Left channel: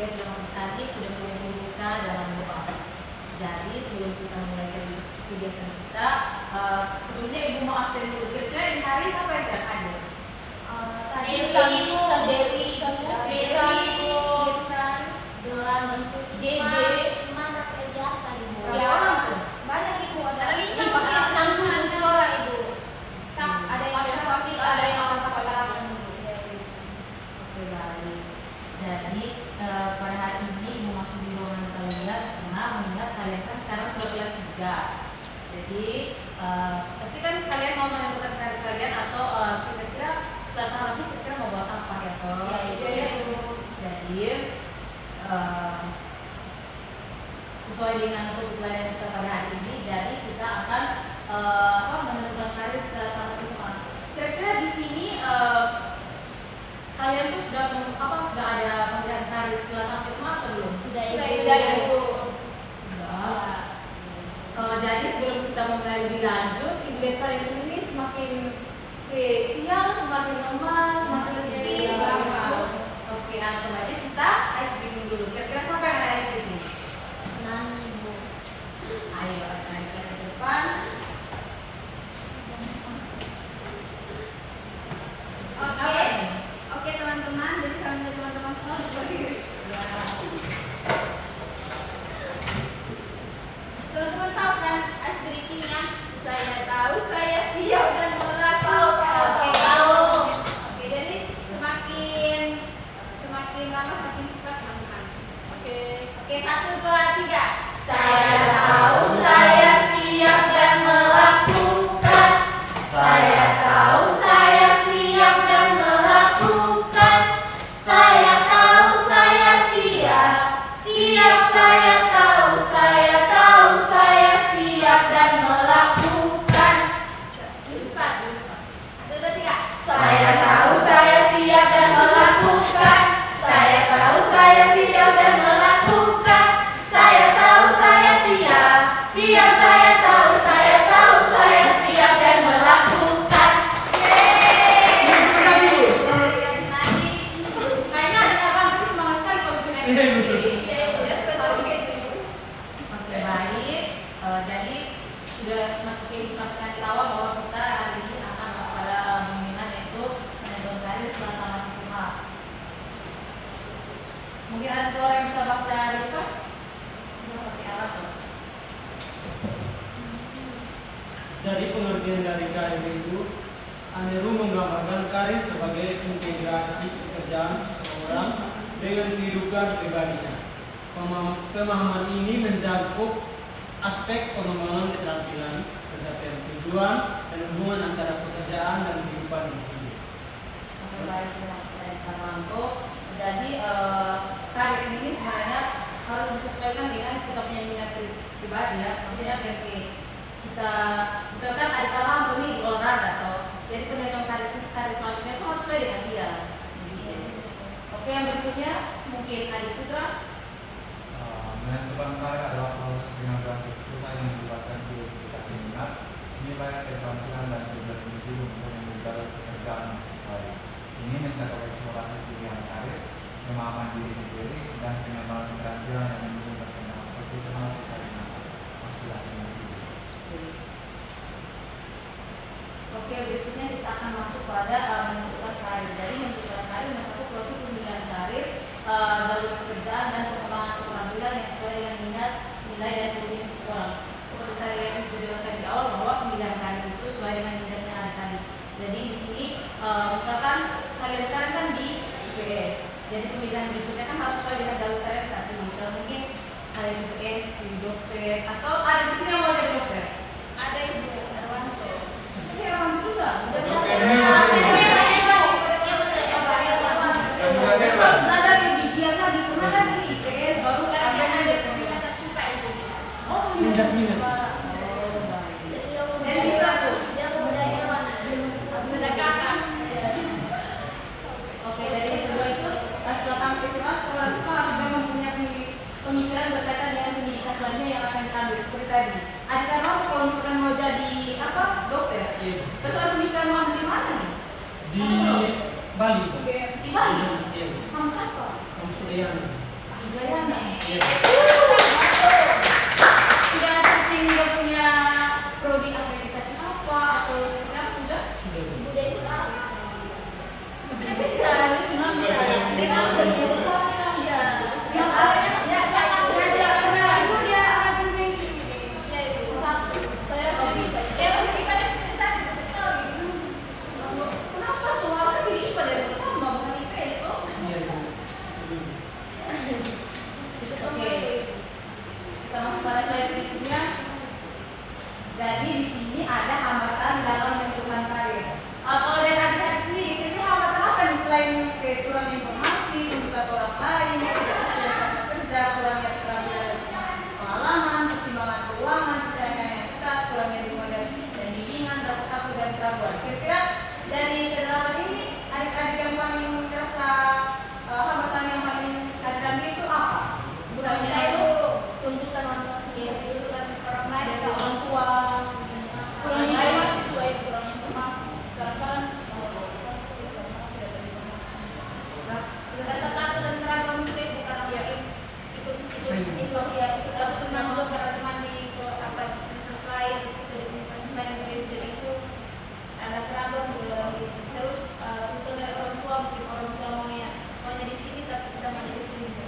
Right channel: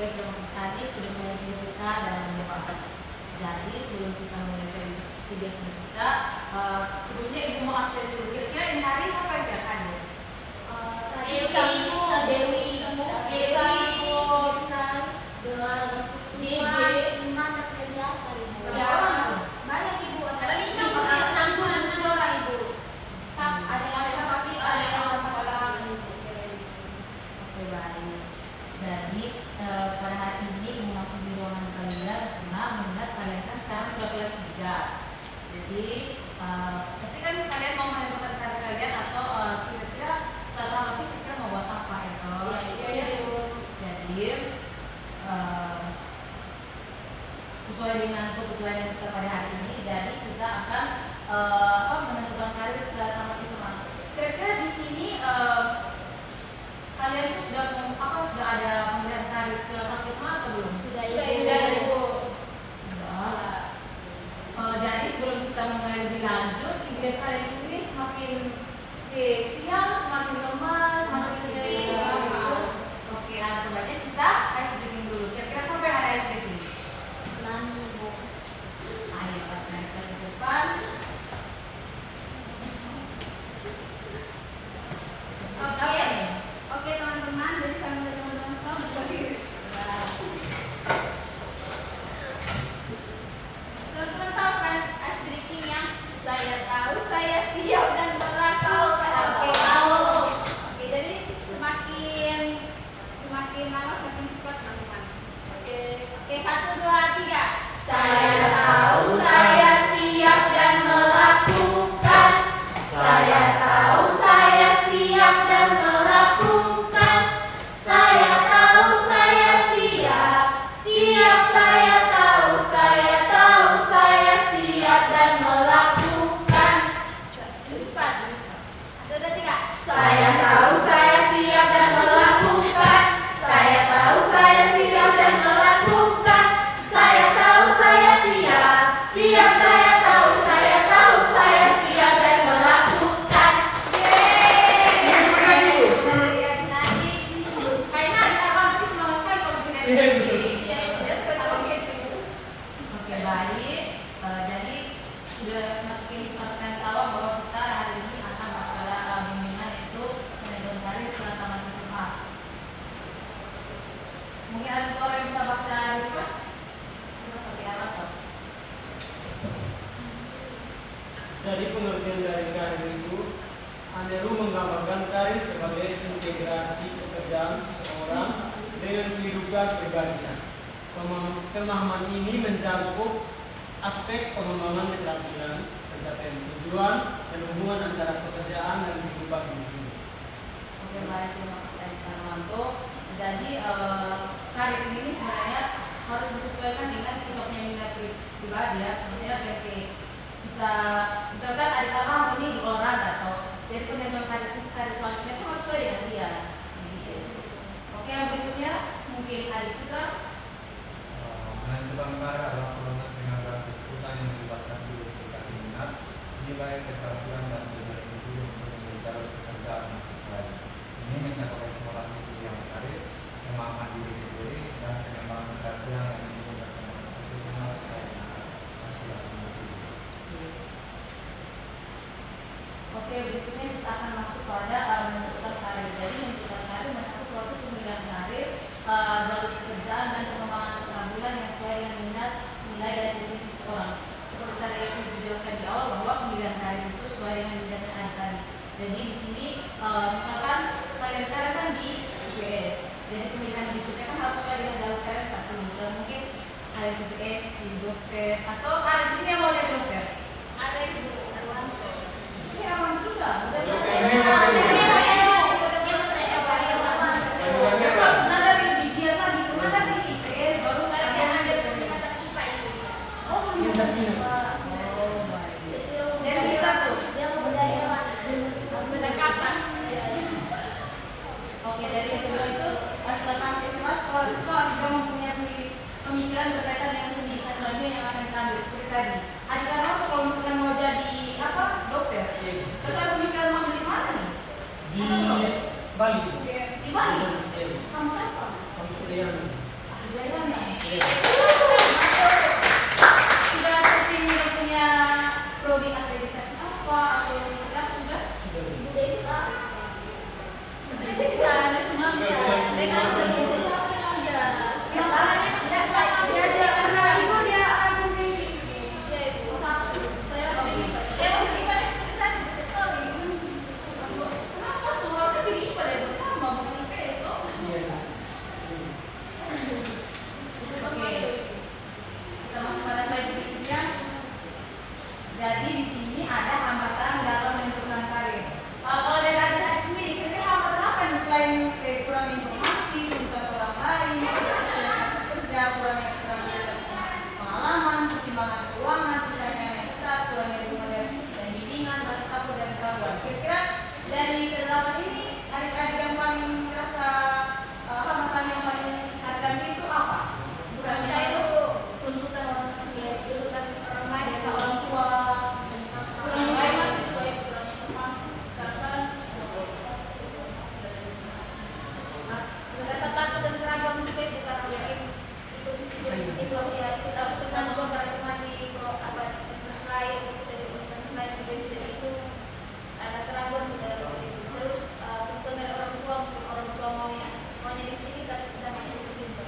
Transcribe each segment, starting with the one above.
Oke, terima kasih Adi sudah melihat kita dalam lupa. Jadi sebelum kita mulai kegiatan kita, sebelumnya Ibu mau absen dulu. Kira-kira ini hari siapa yang datang ya? Dewi, Berapa orang tuh? banyak Ibu, antara 6 orang Ibu. Ada yang sapi, ada yang apa-apa. Oke, baik. Jadi pada hari ini Ibu masuk di ruangan kalian karena melihat kalian kan sekarang sudah kelas 3. Jadi pasti kan kalian mau menentukan karir kalian atau kira-kira setelah nanti kira-kira mau buat apa ya toh? Iya, Ibu. Jadi sesuai dengan kebutuhan kita pada hari ini, jadi kita akan menentukan karir setelah tamat SMA. Kira-kira di sini kalian tuh sudah ada pemilihan karir setelah tamat SMA atau belum? Sudah, Sudah. Ibu. Jadi sebelum kita mulai lebih lanjut, ibu lihat kalian ini semakin siang, semakin lemah, semakin sedih. Oke, terbaiknya kita ice breaking dulu. Kira-kira sampai mana ice breaking? Ayo, akan ke depan. Oke teman-teman, jadi sambil teman-teman semua berdiri. Teman-teman tahu kan ice breaking yang saya tahu, saya siap dan melakukan. Oke, jadi semakin lama semakin cepat teman-teman. Oke, 1, 2, 3. Saya tahu, saya siap dan melakukan. Saya tahu, saya siap dan melakukan. Saya tahu, saya siap. Siap, saya tahu, saya siap dan melakukan. 1, 2, 3. Saya tahu, saya siap dan melakukan. Saya tahu, saya siap dan melakukan. Saya tahu, saya siap. Siap, saya tahu, saya siap dan melakukan. Kayaknya ada abang tadi semangat sekali kalau bikin ice breaking. Ya suka tahu gitu Ibu. Oke, baik. Jadi sudah semakin sampaikan di awal bahwa kita hari ini akan pada pemilihan yaitu menentukan karir setelah tamat SMA. Mungkin ada dua orang yang bisa baca report. Seperti apa tuh? Dari pengertian dari karir itu, Aneru menggambarkan karir sebagai integrasi pekerjaan seseorang dengan kehidupan pribadinya. Pemahaman ini mencakup aspek pengembangan keterampilan, pencapaian tujuan, dan hubungan antara pekerjaan dan kehidupan individu. Oke, baik, terima kasih Armanto. Jadi karir ini sebenarnya harus disesuaikan dengan kita punya minat pribadi ya. Maksudnya berarti kita misalkan adik Armanto nih di olahraga atau jadi penentuan karir selanjutnya itu harus sesuai dengan dia. Oke, yang berikutnya mungkin Adik Putra. Menentukan karir adalah proses pengambilan keputusan yang melibatkan identifikasi minat, nilai, keterampilan, dan tujuan individu untuk menjalani pekerjaan yang sesuai. Ini mencakup eksplorasi pilihan karir, pemahaman diri sendiri, dan pengembangan keterampilan yang menggunakan profesional sesuai dengan aspirasi individu. Oke, berikutnya kita akan masuk pada menentukan karir. Jadi menentukan karir mencakup proses pemilihan karir, bagi pekerjaan dan pengembangan keterampilan yang sesuai dengan minat, nilai, dan tujuan seseorang. Seperti saya jelaskan di awal bahwa pemilihan karir itu sesuai dengan minat yang ada tadi. Jadi di sini misalkan kalian kan di IPS, jadi pemilihan berikutnya kan harus sesuai dengan jalur karir saat ini. Kalau mungkin kalian di IPS, di dokter, atau ada di sini yang mau jadi dokter. Ada Ibu Arwanto. Ini orang juga, udah ada di dia tadi, ada di IPS, baru kan yang ada Peningkatan IPA Ibu. oh Lintas minat. Jadi bisa tuh. Dia mau dari mana? Pendekatan. Oke, dari yang kedua itu setelah tamat SMA seorang siswa sudah mempunyai pemikiran berkaitan dengan pendidikan selanjutnya yang akan diambil seperti tadi. Adik Arman kalau misalkan mau jadi apa dokter, terus ada pemikiran mau ambil di mana nih? Di Bali. Di Bali. Iya. Kamu siapa? Kamu sudah yang Udayana. Iya. Sudah searching dia punya prodi akreditasi apa atau sudah? Sudah. Budaya itu apa? Jadi kita harus memang bisa dengan itu sama ya. Biasanya Jadi karena ibu dia rajin di ya itu satu. Saya sudah bisa. Ya mesti kan kita tidak tahu. Kenapa tuh warga pilih pada yang pertama bukan IPS tuh? Iya. Oke. Kita masuk pada slide berikutnya. Jadi di sini ada hambatan dalam menentukan karir. Kalau dari Kak sendiri, kira-kira hambatan apa nih selain kurang informasi, bukan orang lain, kerja, kurangnya pengalaman, pertimbangan keuangan, pencarian yang ketat, kurangnya dukungan dan bimbingan, rasa takut dan keraguan. Kira-kira dari kedalaman ini, adik-adik yang paling merasa hambatan yang paling ada itu apa? Misalnya itu tuntutan orang ya tuntutan orang lain dari atau orang tua, kurangnya informasi juga ya kurangnya informasi. Kadang rasa takut dan keraguan juga itu karena ya itu ya itu harus teman juga karena teman di apa terus lain dari universitas lain yang jadi itu ada keraguan juga terus tuntutan dari orang tua mungkin orang tua maunya di sini tapi kita maunya di sini juga.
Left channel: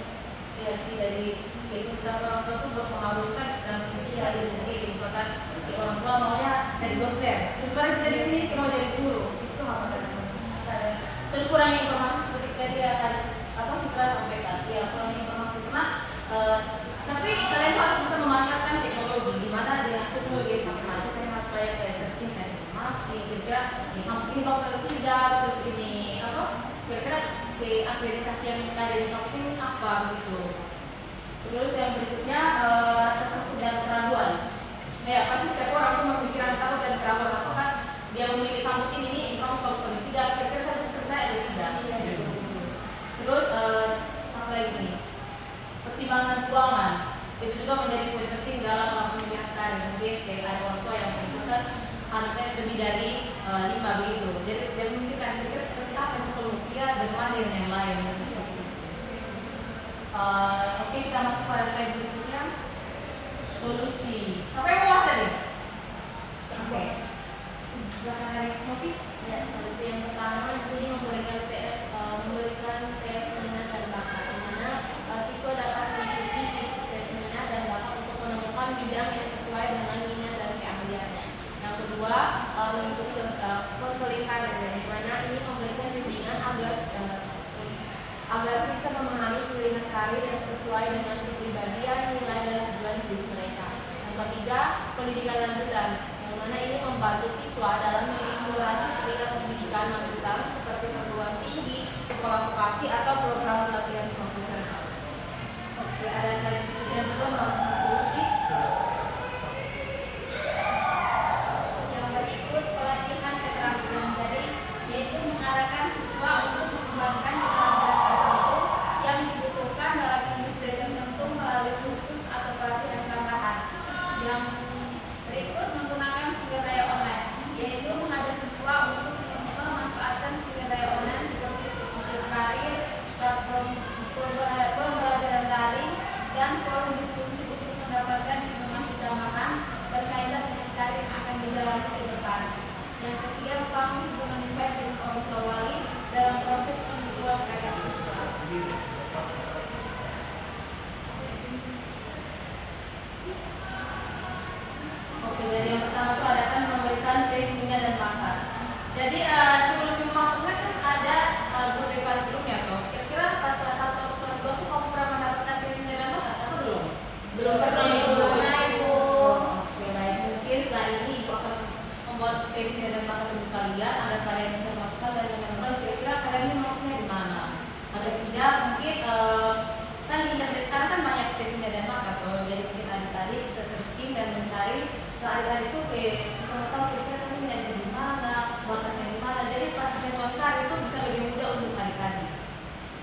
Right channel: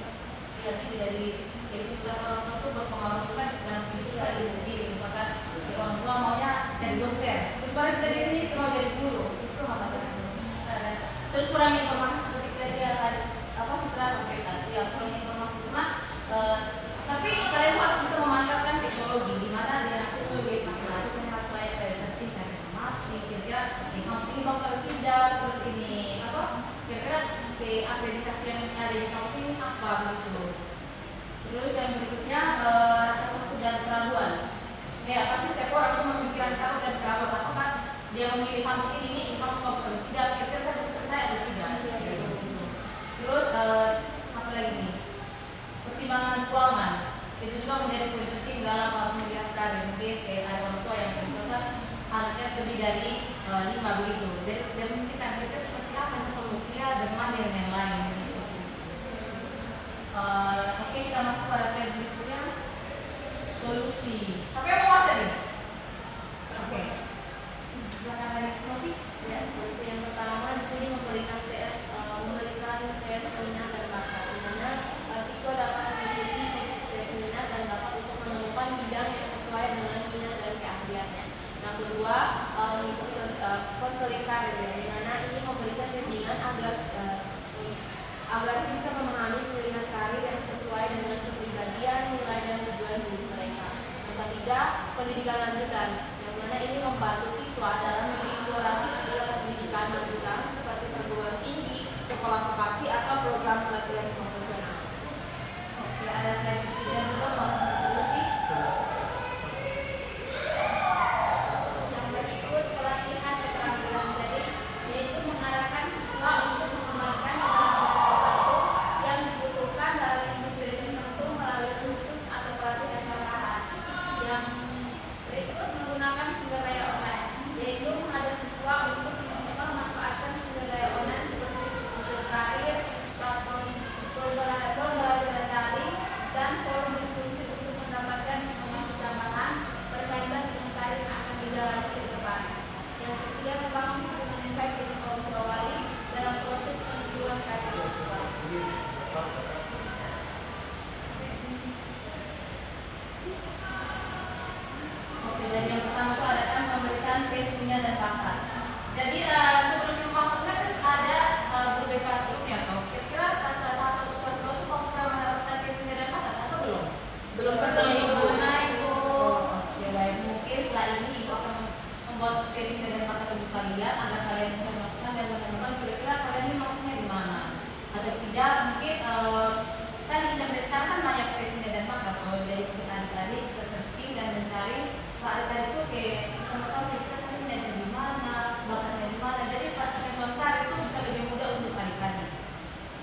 iya sih jadi tuntutan orang tua itu berpengaruh besar dalam kita diri sendiri. Misalkan orang tua maunya jadi dokter, terus baru kita di sini mau jadi guru, itu hambatan yang besar. Terus kurangnya informasi seperti tadi ya tadi apa sih kita sampaikan ya kurangnya informasi karena tapi kalian harus bisa memanfaatkan teknologi di mana dia teknologi sama itu kan harus kayak searching cari informasi kira-kira ini bakal tidak terus ini apa kira-kira di akreditasi yang mencari informasi ini apa begitu. Terus yang berikutnya rasa takut dan keraguan. Ya pasti setiap orang itu memikirkan takut dan keraguan apakah dia memilih kampus ini kampus atau tidak kira-kira saya bisa selesai atau tidak. Terus apa lagi nih? Pertimbangan keuangan itu juga menjadi poin penting dalam pemilihan karir. Mungkin kayak ada orang tua yang menentukan anaknya lebih dari 5 begitu. Jadi dia memikirkan kira-kira seperti apa setelah rupiah dengan dan yang lain. Oke, kita masuk pada slide berikutnya. Solusi. Apa yang mau bahas tadi? Oke. Silakan dari Novi. Ya, solusi yang pertama di sini memberikan tes minat dan bakat, di mana siswa dapat mengikuti tes minat dan bakat untuk menemukan bidang yang sesuai dengan minat dan keahliannya. Yang kedua, mengikuti konseling karir, di mana ini memberikan bimbingan agar siswa memahami pilihan karir yang sesuai dengan kepribadian, nilai dan tujuan hidup mereka. Yang ketiga, pendidikan lanjutan, yang mana ini membantu siswa dalam mengeksplorasi pilihan pendidikan lanjutan seperti perguruan tinggi, sekolah vokasi atau program pelatihan profesional. Oke, ada slide berikutnya juga masuk solusi. Yang berikut pelatihan keterampilan, jadi yaitu mengarahkan siswa untuk mengembangkan keterampilan tertentu yang dibutuhkan dalam industri tertentu melalui kursus atau pelatihan tambahan. Yang berikut menggunakan sumber daya online, yaitu mengajak siswa untuk memanfaatkan sumber daya online seperti situs karir, platform pembelajaran daring, dan forum diskusi untuk mendapatkan informasi tambahan berkaitan dengan karir yang akan dijalani ke depan. Yang ketiga, membangun hubungan yang baik dengan orang tua wali dalam proses penentuan karir siswa. Oke, jadi yang pertama itu adakan memberikan tes minat dan bakat. Jadi sebelum masuknya kan ada grup kelas sebelumnya tuh. Kira-kira pas kelas 1 atau kelas 2 tuh kamu pernah mendapatkan tes minat dan bakat atau belum? Belum pernah Ibu. Oke, baik. Mungkin setelah ini Ibu akan membuat tes minat dan bakat untuk kalian agar kalian bisa melakukan dan menentukan kira-kira kalian ini maksudnya di mana. Atau tidak mungkin kan internet sekarang kan banyak tes minat dan bakat tuh. Jadi mungkin adik-adik bisa searching dan mencari adik-adik itu kayak bisa tahu kira-kira saya minatnya di mana, bakatnya di mana. Jadi pas saya melangkah itu bisa lebih mudah untuk adik-adik.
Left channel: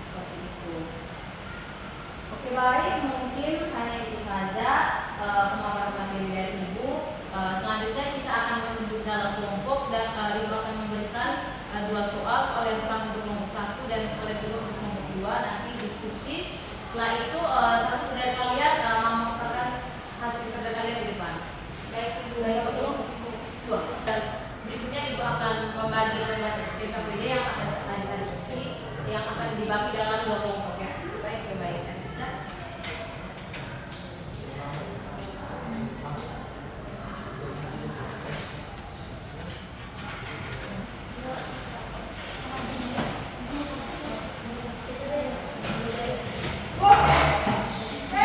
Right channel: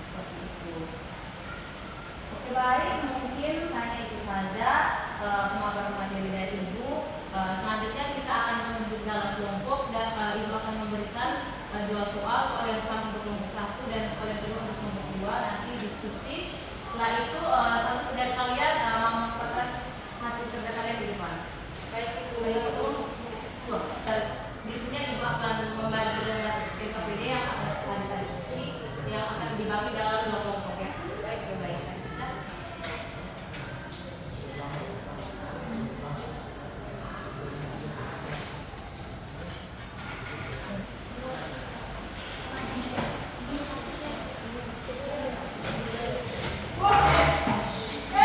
Seperti itu. Oke, baik, mungkin hanya itu saja pemaparan materi dari Ibu. Selanjutnya kita akan menunjuk dalam kelompok dan Ibu akan memberikan 2 soal yang pertama untuk nomor 1 dan soal yang kedua untuk nomor 2. Nanti diskusi Setelah itu salah satu dari kalian memaparkan hasil kerja kalian di depan. Baik itu dua. Dan berikutnya ibu akan membantu dengan DKPD yang akan tadi yang akan dibagi dalam 2 kelompok ya. Baik, baik.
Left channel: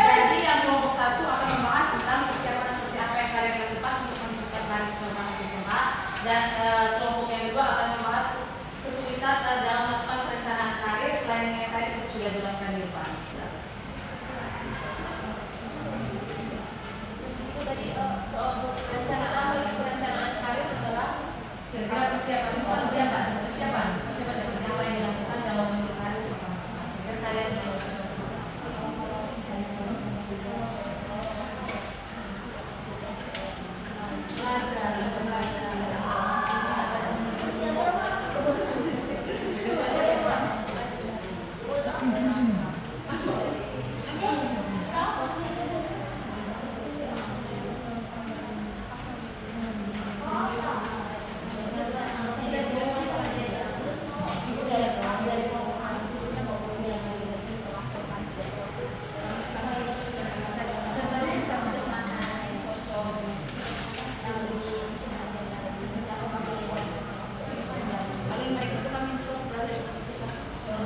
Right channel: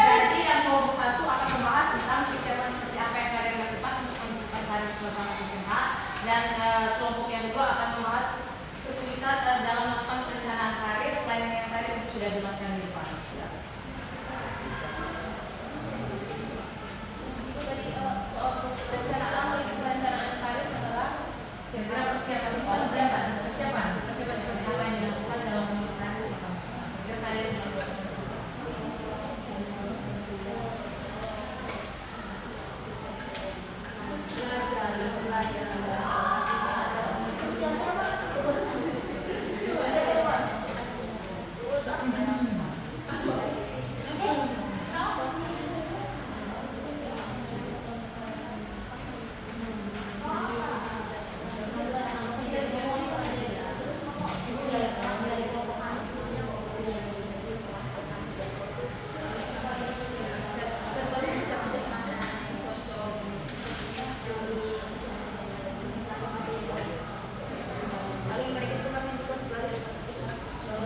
Jadi yang kelompok 1 akan membahas tentang persiapan seperti apa yang kalian lakukan untuk menentukan tarif penerbangan SMA, dan kelompok yang kedua akan membahas kesulitan dalam melakukan perencanaan karir selain yang tadi itu sudah jelaskan di depan. Itu tadi perencanaan karir adalah Kira-kira persiapan seperti apa yang dilakukan dalam memilih karir di kampus. Biar kalian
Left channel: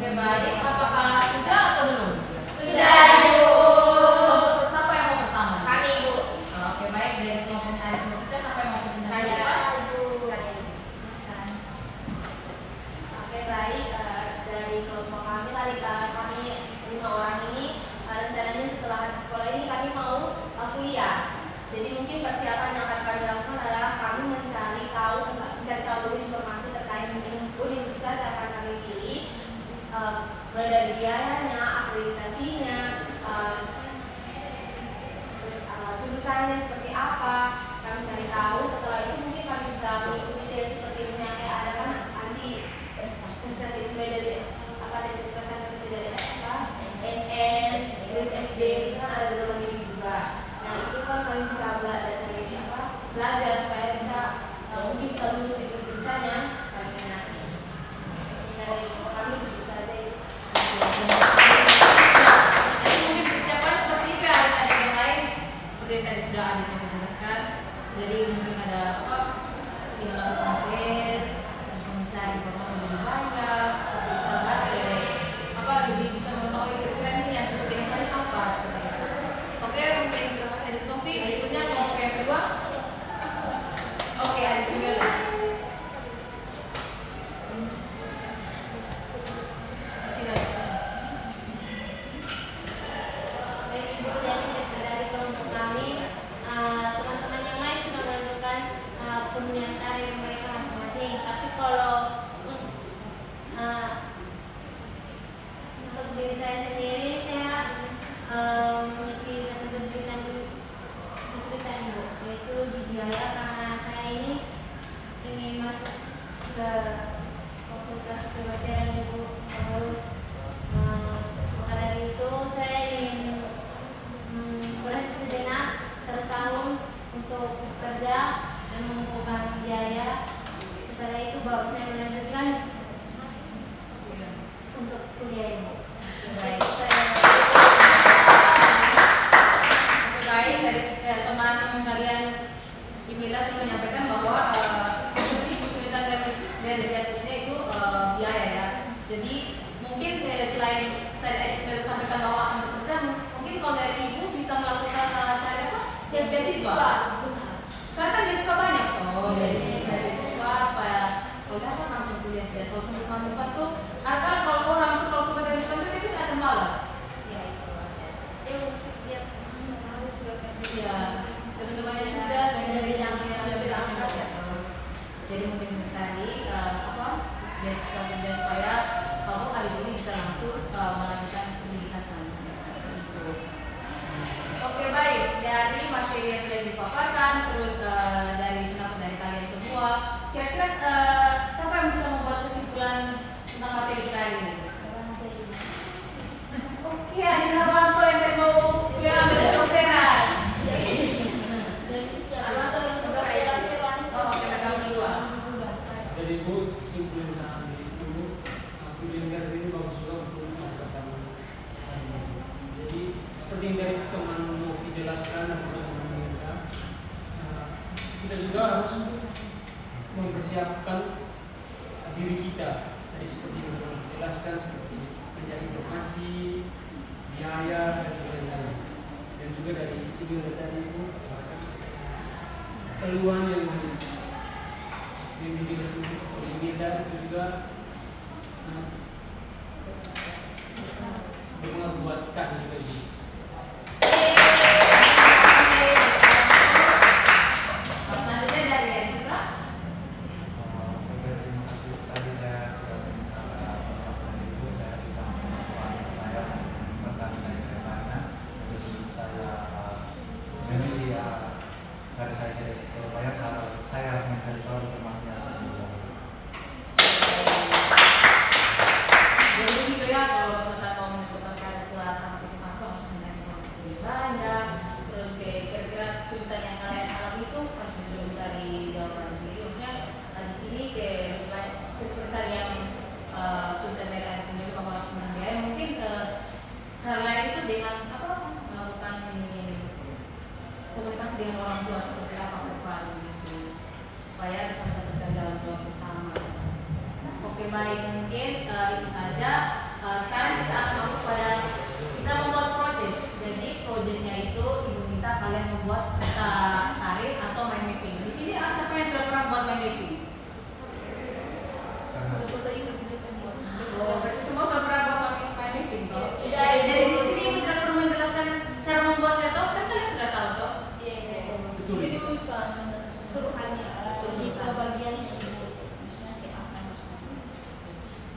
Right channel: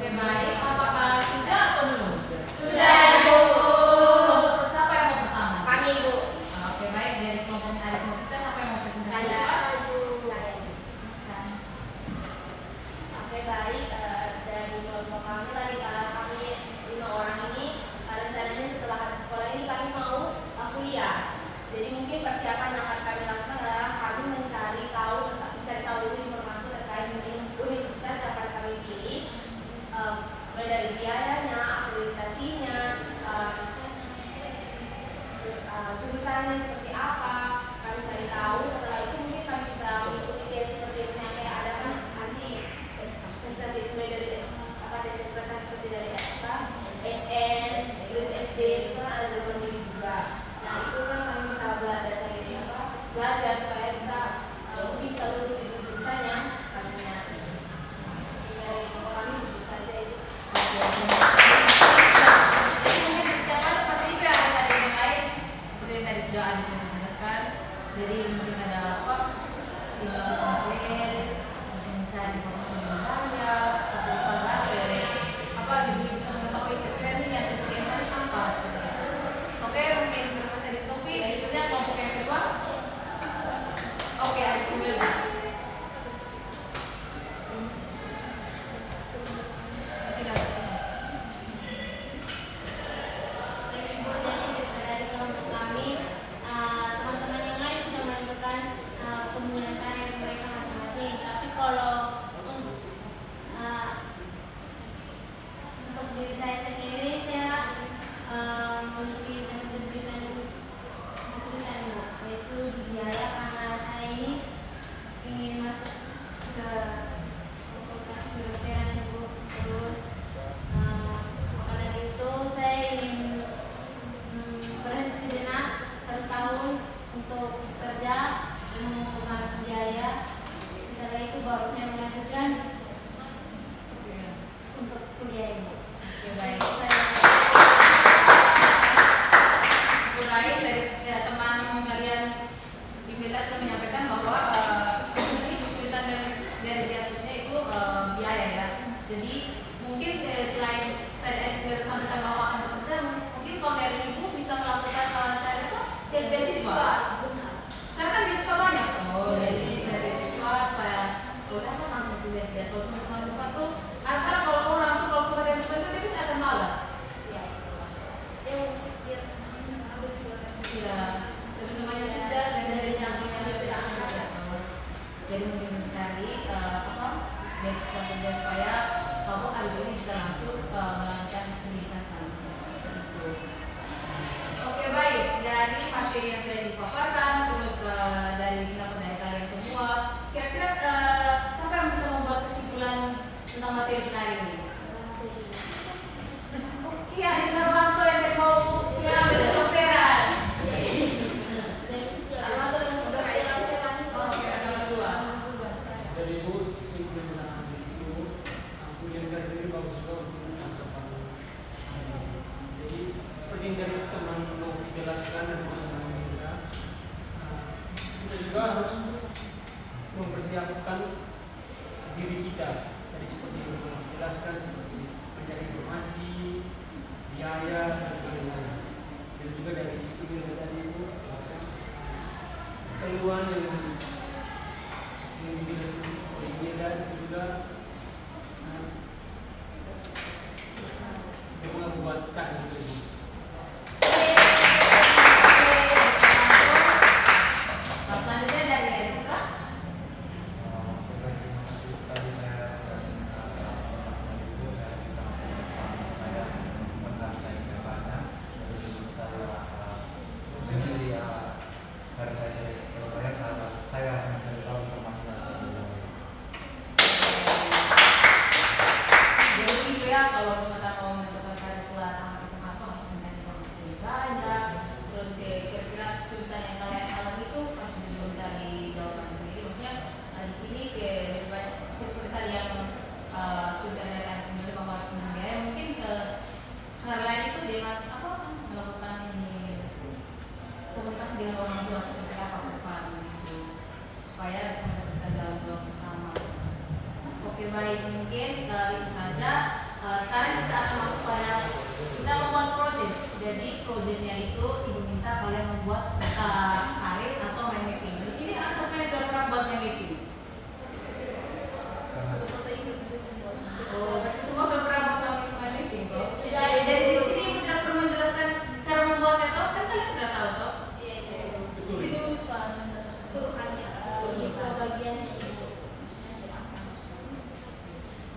Oke, baik. Apakah sudah atau belum? Sudah, Bu. Siapa yang mau pertama? Kami, Bu. Oke, baik. Dari kelompok Arif kita siapa yang mau presentasi? Oke, baik. Dari kelompok kami tadi kami 5 orang ini rencananya setelah habis sekolah ini kami mau kuliah. Jadi mungkin persiapan yang akan kami lakukan adalah kami mencari tahu dulu informasi terkait universitas yang akan kami pilih, mulai dari biayanya, akreditasinya, terus jurusannya seperti apa. Kami cari tahu. Setelah itu mungkin kami bisa mengikuti tes seperti yang kayak ada kan nanti tes itu mulai dari tes seperti dari SN, terus SD, itu kan ada dalam diri juga. Nah itu kan kami bisa belajar supaya bisa mungkin bisa lulus di jurusan yang kami minati. Dari kami itu saja itu. Jadi mungkin persiapan seperti itu ada yang lain seperti yang tadi sudah ada dijelaskan. Jadi mungkin ada apa? Tinggal tulis, mencari bangga, seperti itu lagi. Apa jadi bisa mengetahui kira-kira seperti yang saya apa seperti itu. Oke, mungkin terus saya di topik. Berikutnya kelompok yang kedua. Oke, ada juga. Ibu dari kelompok kami, teman-teman yang lain sudah menentukan pemilihan karir mereka masing-masing. Tapi kalau untuk diri saya sendiri, saya memiliki satu kesulitan Ibu, yaitu di biaya, karena saya ini ingin masuk ke fakultas kedokteran Ibu. Terus maka dari itu saya ingin berhenti sejenak 1 tahun untuk kerja dan mengumpulkan biaya. Setelah itu baru saya melanjutkan untuk kuliah Ibu. Baik. Baik, dari teman kalian Bismillah sudah menyampaikan bahwa kesulitan dari diagnosisnya itu biaya ya. Jadi mungkin selain tadi baru sampaikan bahwa akan bekerja, mungkin kalau dari ibu bisa melakukan cara apa? Beasiswa. Sekarang kan beasiswa banyak. Oh, jadi beasiswa supaya kalau kan langsung kuliah dan kalau untuk mahasiswa tuh, karena kalau langsung kalau ke beasiswa itu dia bisa akan malas. Iya, sebelumnya sudah jadi mungkin mencari beasiswa kerja supaya kalau habis ini bisa langsung melanjutkan pendidikan selanjutnya. Oke, baik, dari materi yang sudah dipaparkan, terus dari pendapat kalian semua, kira-kira siapa yang bisa membuat kesimpulan tentang materi kali ini? Oke, Adila dari Ibu, kesimpulan sama Ibu, kuliah ini bagus juga untuk masa depan. Jadi seperti yang dari teman Novi jelaskan dan teman Mirda, kita juga harus mempersiapkan diri kita. Jadi seperti yang dijelaskan, seperti mencari informasi, biaya dan lain-lain. Dan juga dari Ibu dan tadi Ibu peluang yang dijelaskan oleh Mirda itu juga membuatkan gitu. Selanjutnya dari Erika. Tadi saya sudah minta penjelasan Ibu, saya juga saya tentang kehidupannya. Terus saya jadi dari saya rasanya saya tahu informasi yang ada. Jadi gitu ya, kalau misalkan mau mendapatkan setelah sampai semangat langsung dengan informasi yang banyak. Terus kira-kira kesulitan yang kalian alami itu pasti juga dari jawaban sendiri. Maksudnya di sini kesulitan yang kesulitan dari anak bahwa biaya mungkin selain itu dengan melakukan ini komunikasi dengan orang tua seperti apa ke depan supaya bisa mendapatkan jalan keluar bersama. Oke baik, mungkin itu saja. Sekarang kita akan masuk pada kita membuat proyek. Jadi proyeknya itu Ibu minta kalian membuat tarik atau mind mapping. Di sini asalnya sudah pernah buat mind mapping. Oh, berarti semua sudah pernah buat mind mapping toh? Sudah. Jadi di sini sudah perlu menjelaskan cara membuatnya toh? Kan kalian sudah tahu toh? Betul. Itu suruhannya. Kita bagian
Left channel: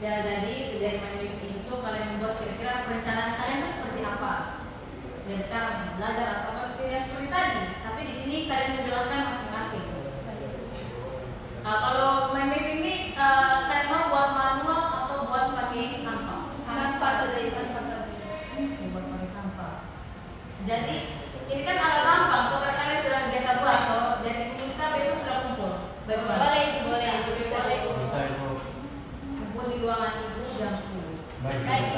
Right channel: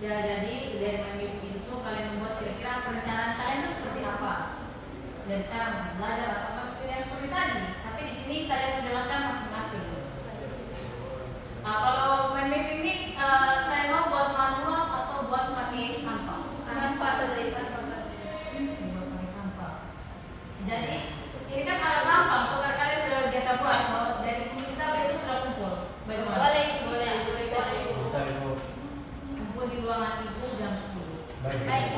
Ya, jadi dari mind mapping itu kalian membuat kira-kira perencanaan kalian itu seperti apa? Dan sekarang belajar apa ya seperti tadi. Tapi di sini kalian menjelaskan masing-masing. Nah, kalau mind mapping ini kalian mau buat manual atau buat pakai Canva? Canva saja, Canva saja. Buat pakai Canva. Jadi ini kan ada gampang. Kalau kalian sudah biasa buat, kalau jadi kita besok sudah kumpul. Bagaimana? Boleh. Bisa Ibu. Kumpul di ruangan Ibu jam 10. Baik.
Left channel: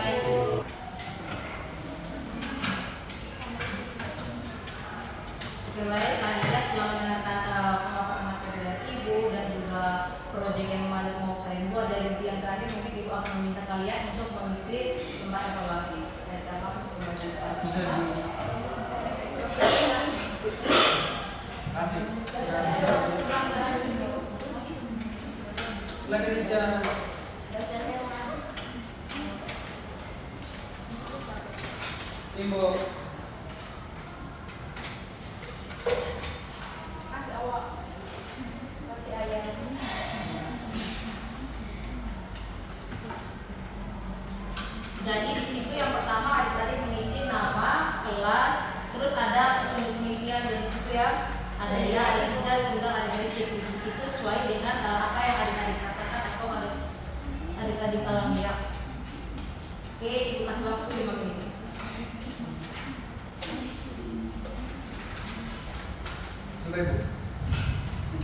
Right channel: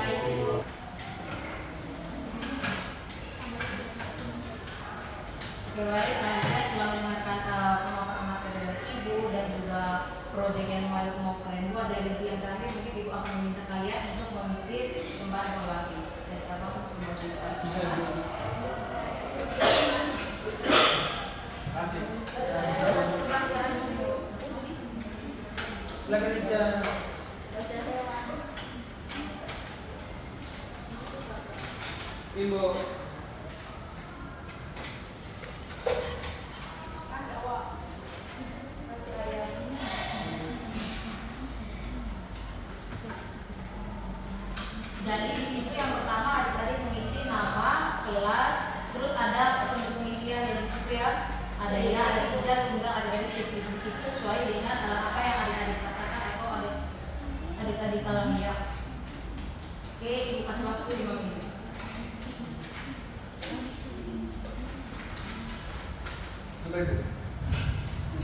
Oke baik, Anda setelah mendengarkan pengakuan materi dari Ibu dan juga proyek yang mau kalian buat dari yang terakhir, mungkin Ibu akan meminta kalian untuk mengisi lembar evaluasi. Dan apapun semuanya. Bisa Ibu. Kasih. Silakan bicara. Ibu. Kasih ayah. Jadi di situ yang pertama ada tadi mengisi nama, kelas, terus ada petunjuk pengisian di situ ya. Ada ya, ada tidak, juga ada dari di situ sesuai dengan apa yang adik-adik rasakan atau adik-adik alami ya. Oke, Ibu kasih waktu 5 menit. Sudah Ibu.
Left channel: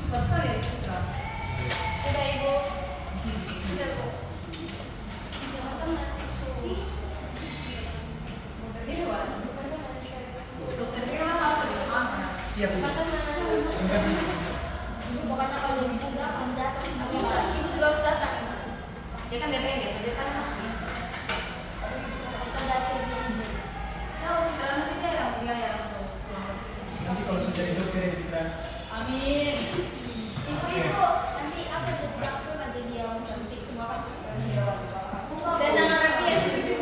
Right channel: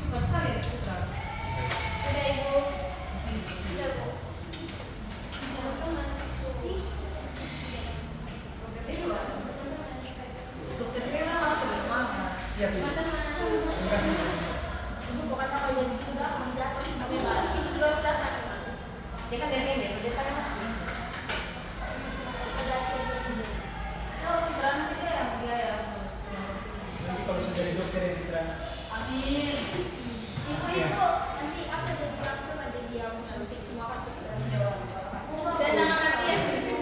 Cepat sekali ya, Putra. Sudah Ibu. Sudah Bu. Dokter Sri lah harus lebih semangat. Siap Ibu. Terima kasih. Ibu pokoknya kalau jadi sudah kamu datang. Oke, Pak. Ibu juga harus datang. Dia kan gantian ya, dia kan tahu sih karena kita yang biaya untuk Nanti kalau sudah di dokter ya Sitra. Amin. Ibu nanti apa jadi dokter ada dia suntik semua kan? Dan nanti ya suntik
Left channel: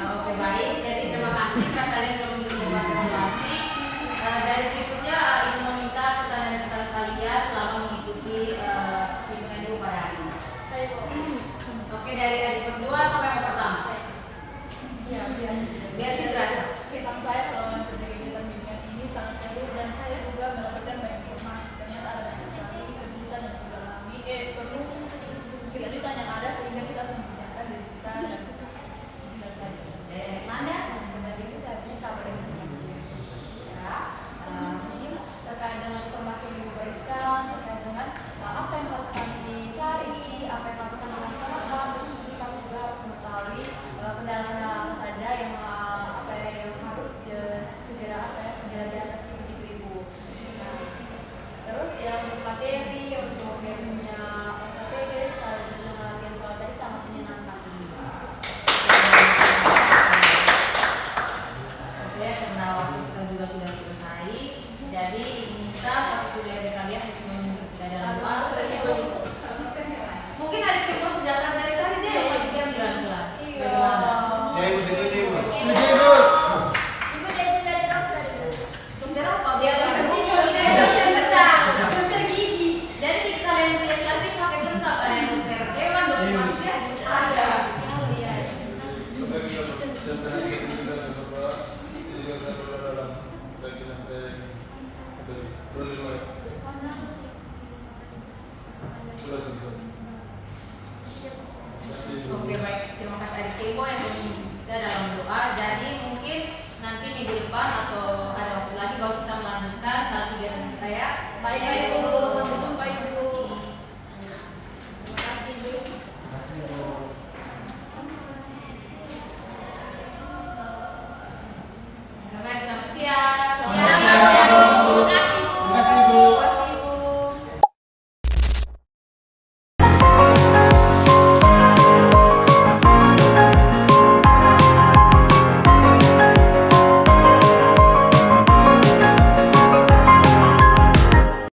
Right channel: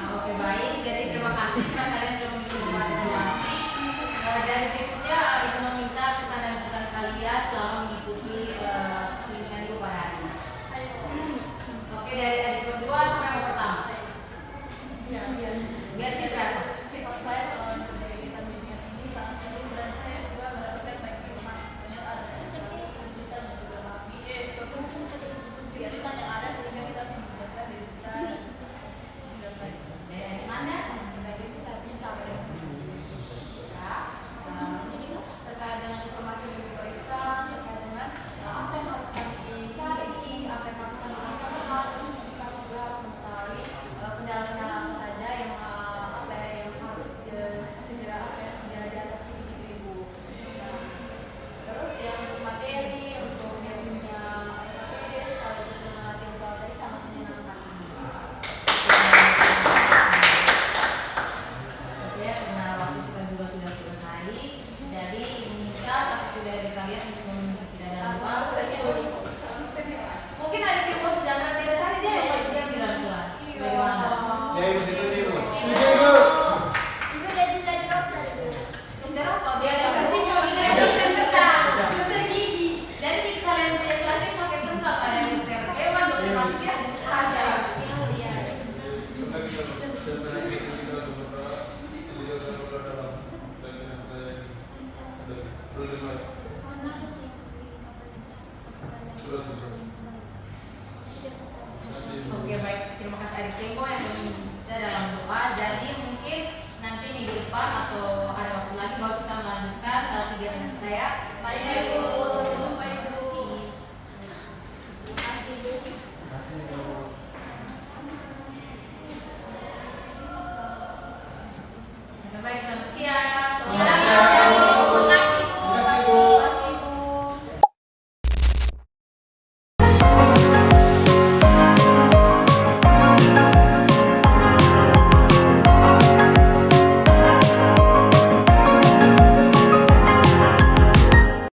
Oke baik, jadi terima kasih kan kalian sudah mengisi lembar evaluasi. Dari berikutnya Ibu meminta pesan dan pesan kalian selama mengikuti bimbingan kita satu dari kalian untuk menyebut kita dalam doa. Mungkin ada tipe sejahtera dari tadi dia yang di dalam kelas. Bagaimana? Ya ibu setuju ibu. Setuju, Ibu. Ibu jadi dari dokter. Dokter apa? Dia dokter gigi. Jadi kalian punya kelas ini pakai lengkap ada yang dokter hewan, dokter manusia, ada. Oke baik, terima kasih adik Kemo yang kita dalam doa. Jadi mungkin nanti minggu depan atau ada waktu lagi baru kita melanjutkan kegiatan kita ya. Baik Ibu, sampai jumpa Ibu. Kasih ibu. Baik, selamat